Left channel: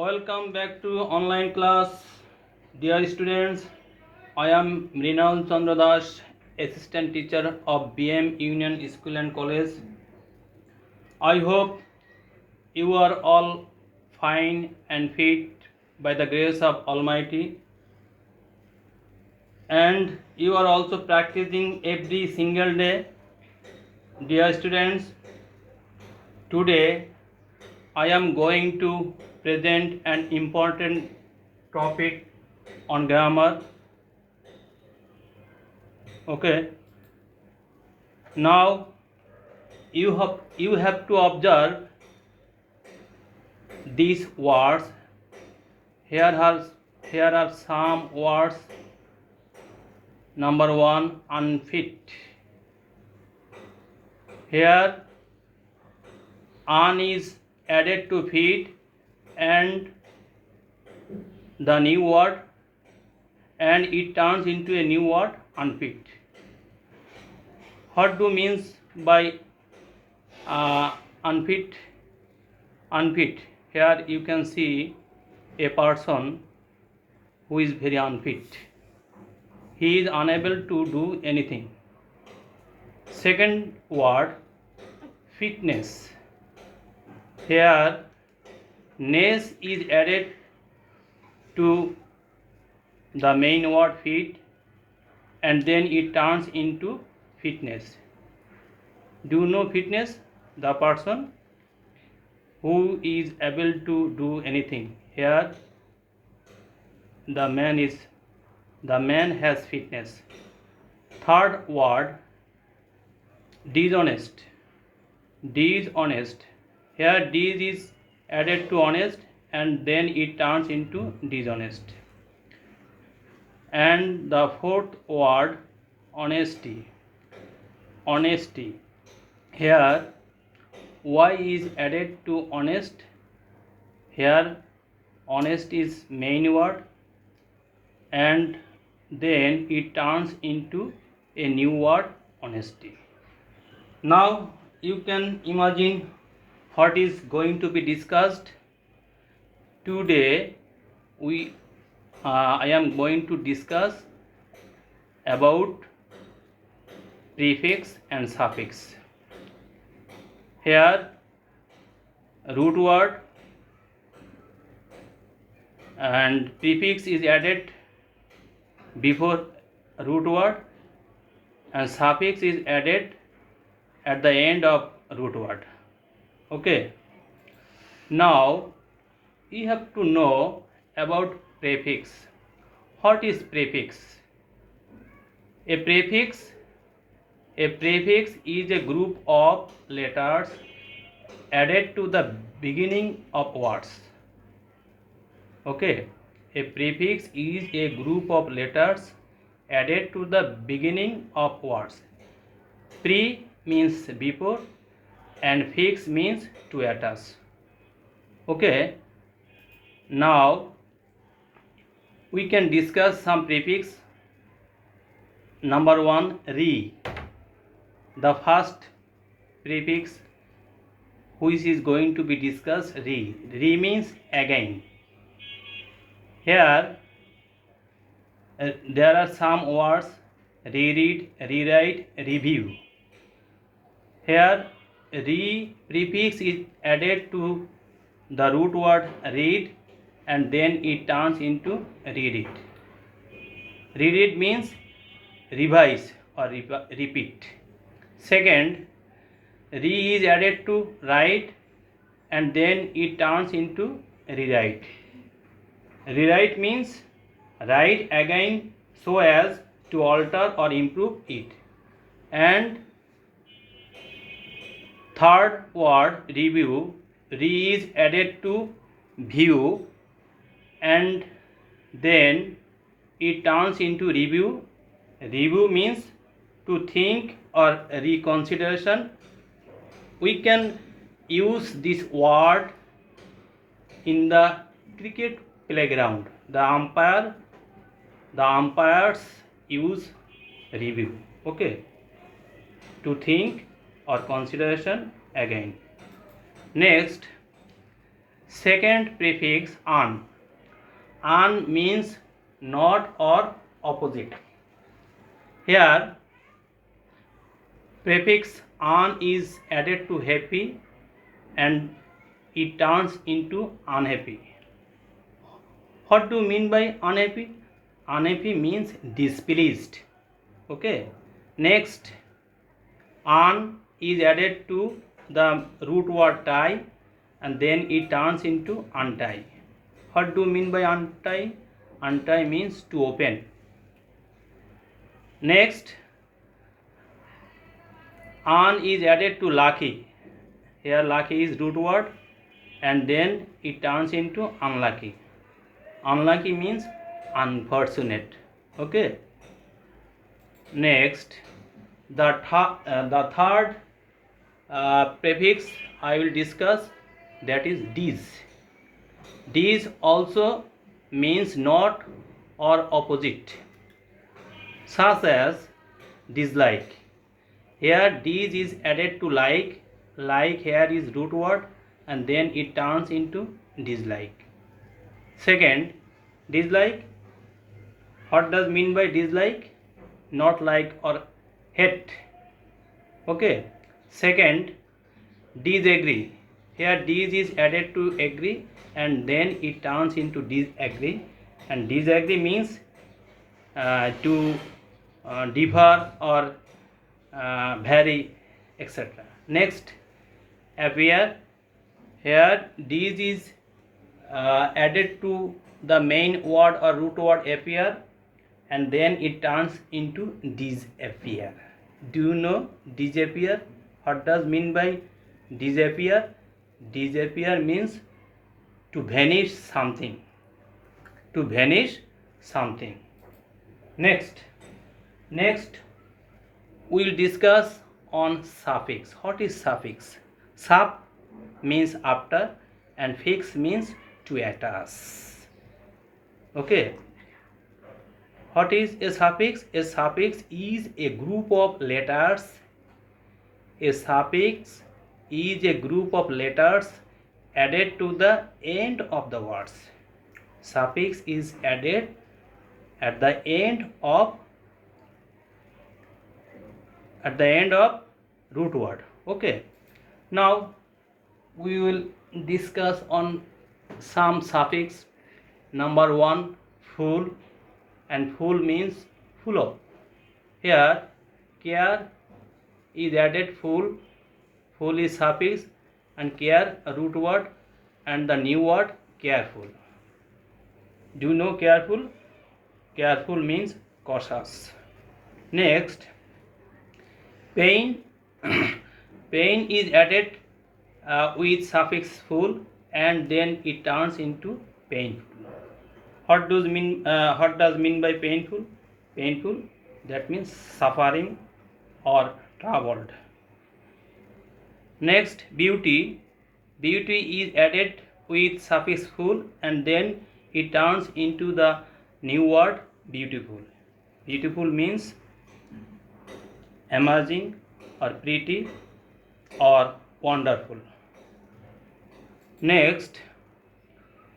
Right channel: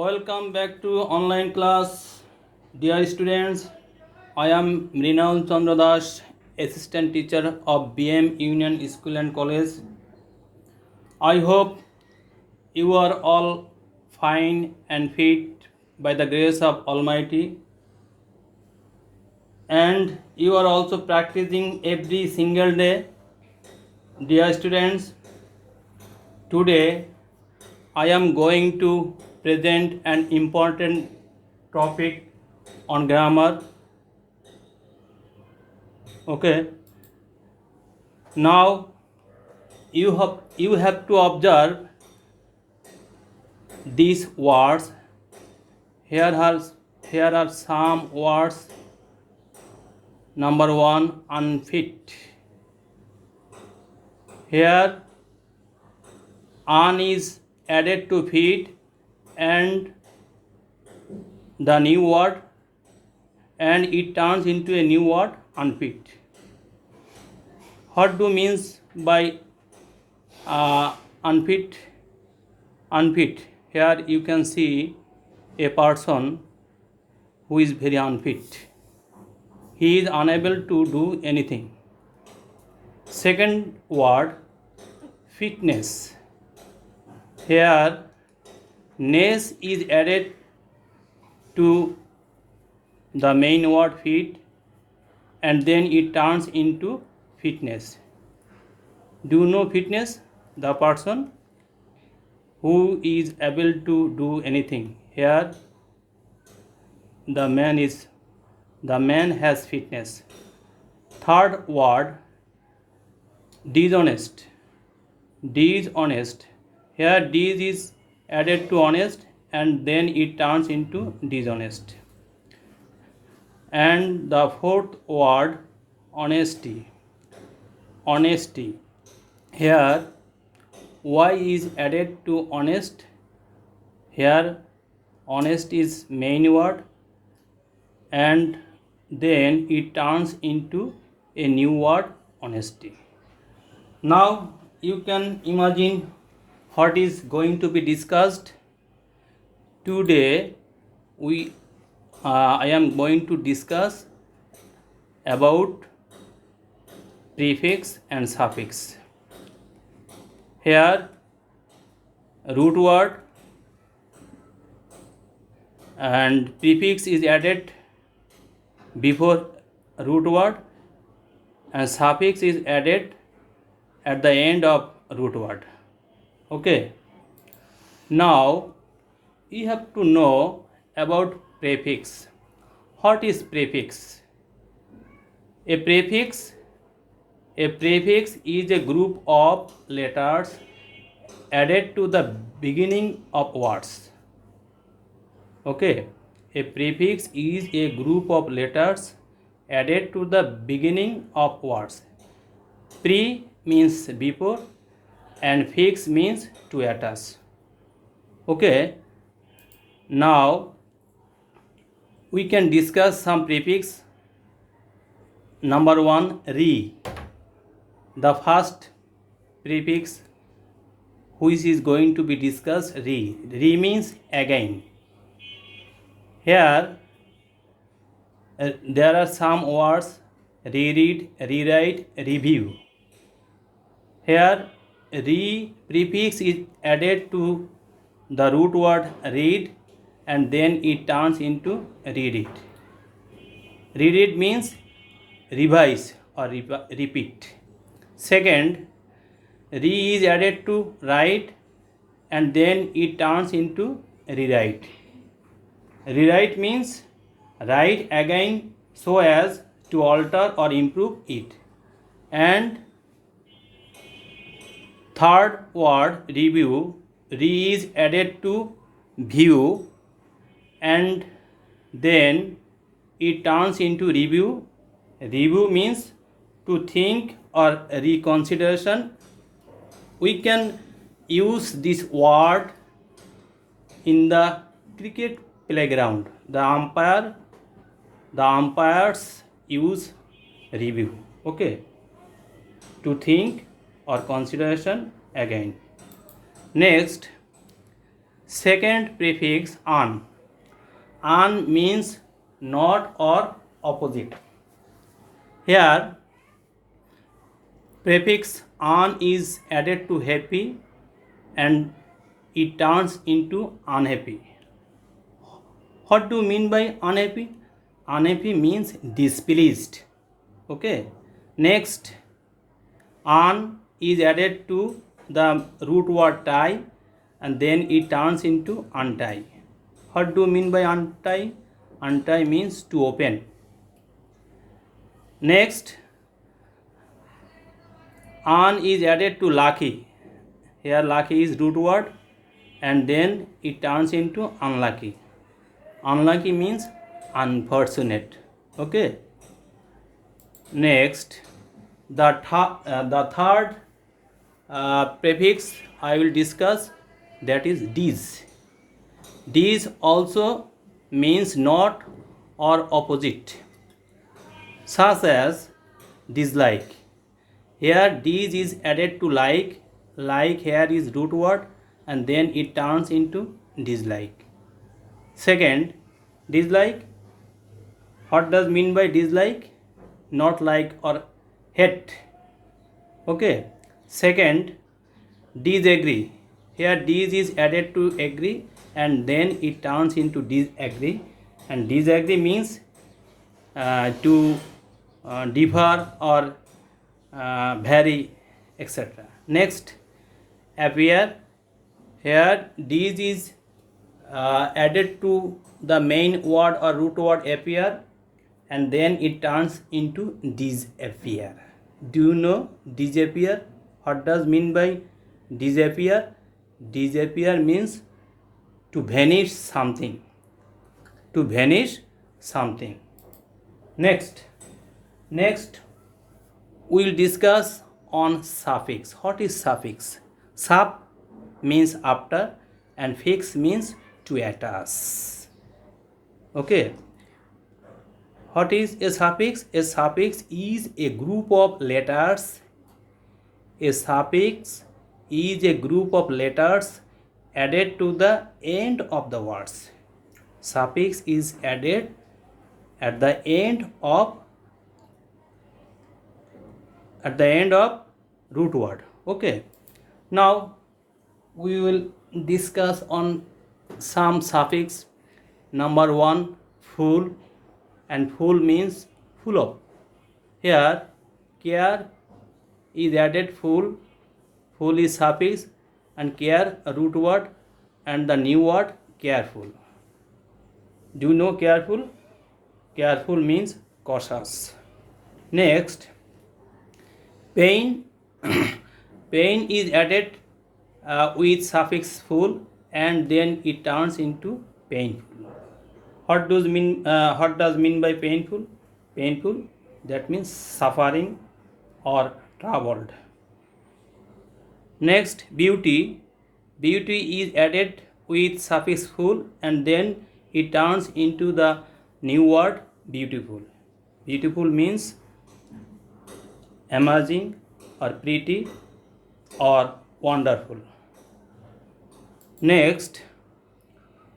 Welcome back to online class. Dear students, I am Mrinal Chandra Das, assistant teacher of BM Union School and College. I hope you are all fine and fit by the grace of Almighty, and you are also practicing every single day. Dear students, today I am going to present an important topic on grammar. Okay, now you have to observe these words. Here are here are some words. Number one, unfit. Here un is added to fit and the new word, and it turns into a new word, unfit. What do means by unfit? Unfit. Here you can see a person who is very unfit. He is unable to do anything. Second word, fitness. Here ness is added to the main word fit and then it turns into fitness. Do you know fitness? The person who is able to do anything. Here the man has fitness. Third word, dishonest. Dishonest. Here dis is added to honest and then it turns into dishonest. And the fourth word, honesty. Honesty. Here y is added to honest. Here honest is main word and then it turns into a new word, honesty. Now you can imagine what is going to be discussed. Today I am going to discuss about prefix and suffix. Here root word and prefix is added before root word and suffix is added at the end of root word. Okay, now you have to know about prefix. What is prefix? A prefix is a group of letters added to the beginning of words. Okay, a prefix is a group of letters added to the beginning of words. Pre means before and fix means to attach. Okay, now we can discuss some prefix. Number one, re. The first prefix which is going to be discussed, re. Re means again. Here there are some words, reread, rewrite, review. Here re prefix is added to the root word read and then it turns into read it. Read it means revise or repeat. Second, re is added to write and then it turns into rewrite. Rewrite means write again so as to alter or improve it. And third word, review. Re is added to view and then it turns into review. Review means to think or reconsideration. We can use this word in the cricket playground. The umpires use review. Okay, to think or consideration again. Next, Second prefix an. An means not or opposite. Here prefix an is added to happy and it turns into unhappy. What do you mean by unhappy? Unhappy means displeased. Okay. Next, an is added to the root word tie and then it turns into untie. What do you mean by untie? Untie means to open. Next, an is added to lucky. Here lucky is root word and then it turns into unlucky. Unlucky means unfortunate. Okay. Next, the third prefix I will discuss, that is dis. Dis also means not or opposite, such as dislike. Here dis is added to like. Like here is root word and then it turns into dislike. Second, dislike. What does mean by dislike? Not like or hate. Okay. Second, disagree. Here dis is added to agree and then it turns into disagree. And disagree means to differ or vary, etc. Next, appear. Here dis is added to the main word or root word appear and then it turns into disappear. Do you know disappear? What does mean by disappear? Disappear means to vanish something. To vanish something. Next we will discuss on suffix. What is suffix? Sup means after and fix means to attach. Okay. What is a suffix? A suffix is a group of letters. A suffix is a group of letters added to the end of the words. Suffix is added at the end of root word. Okay. Now we will discuss on some suffix. Number 1, full, and full means full of. Here care is added full. Full is suffix and care a root word and the new word careful. Do you know careful? Careful means cautious. Next, pain. Pain is added with suffix full and then it turns into painful. What does mean by painful? Painful, that means suffering or troubled. Next, beauty. Beauty is added with suffix full and then it turns into the new word beautiful. Beautiful means amazing or pretty or wonderful. Next,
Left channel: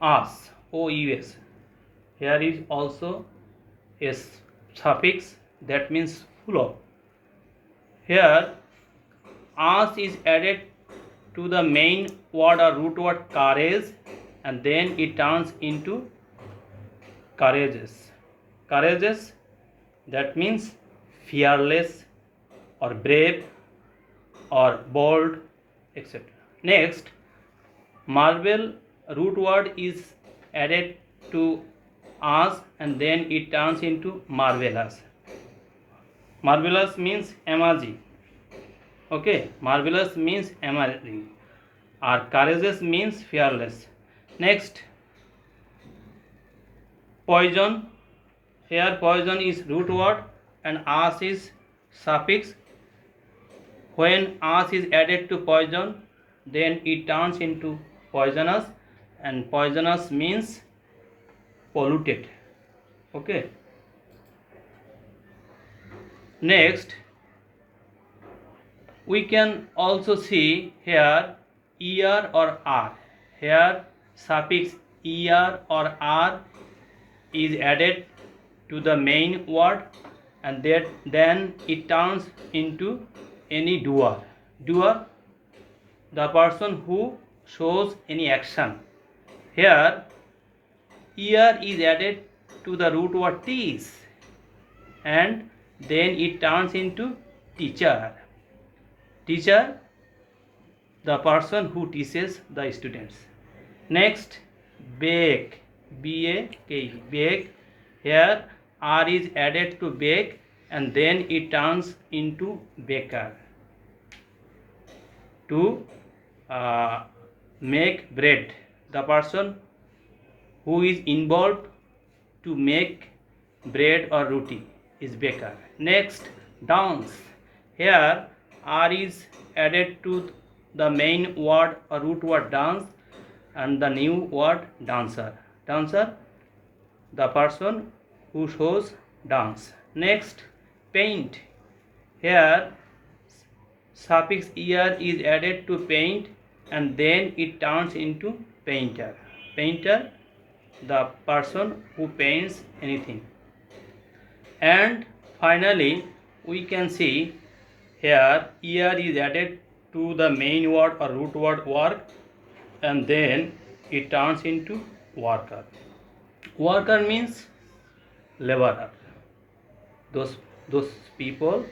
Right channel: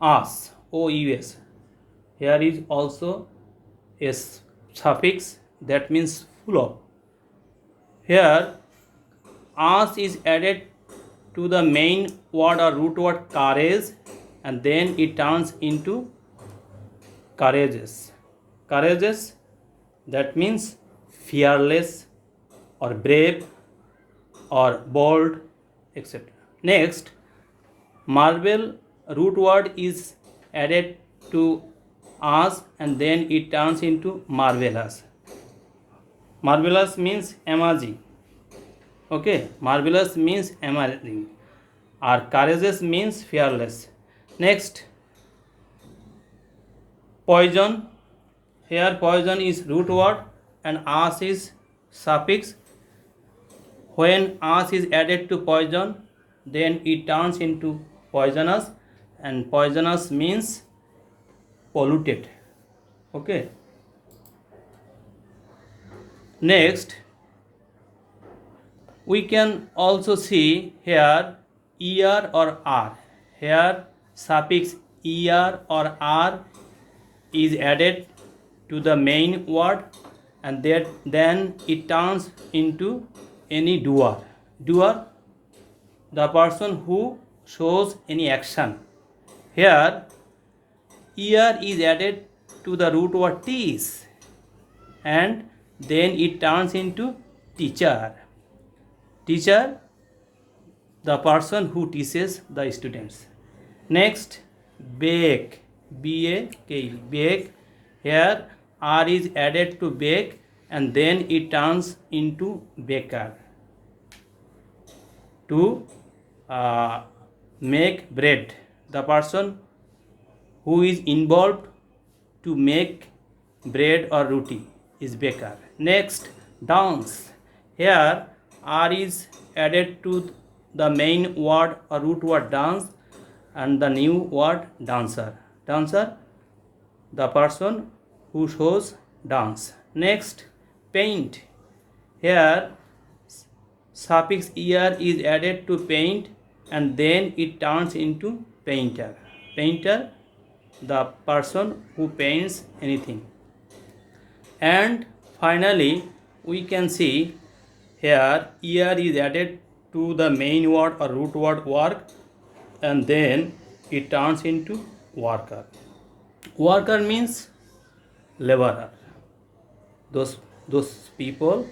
os, O-U-S. Here is also a suffix that means full of. Here os is added to the main word or root word courage and then it turns into courageous. Courageous, that means fearless or brave or bold, etc. Next, marvel, root word is added to us and then it turns into marvelous. Marvelous means amazing. Okay, marvelous means amazing. Or courageous means fearless. Next, poison. Here poison is root word and as is suffix. When as is added to poison, then it turns into poisonous, and poisonous means polluted. Okay. Next, we can also see here er or r. Here suffix er or r is added to the main word, and then it turns into any doer. Doer, the person who shows any action. Here er is added to the root word teach, and then it turns into teacher. Teacher, the person who teaches the students. Next, bake, B-A-K-E, bake. Here R is added to bake, and then it turns into baker. To make bread, the person who is involved to make bread or roti is baker. Next, dance. Here R is added to the main word or root word dance, and the new word dancer. Dancer, the person who shows dance. Next, paint. Here suffix er is added to paint, and then it turns into painter. Painter, the person who paints anything. And finally, we can see here er is added to the main word or root word work, and then it turns into worker. Worker means laborer. Those people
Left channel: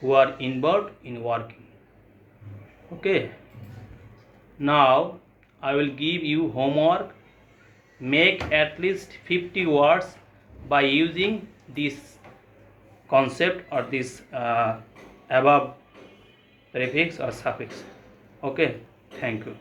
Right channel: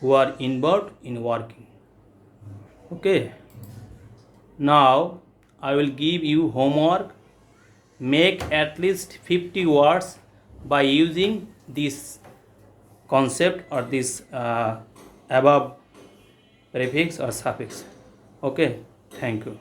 who are involved in working. Okay. Now I will give you homework. Make at least 50 words by using this concept or this above prefix or suffix. Okay, thank you.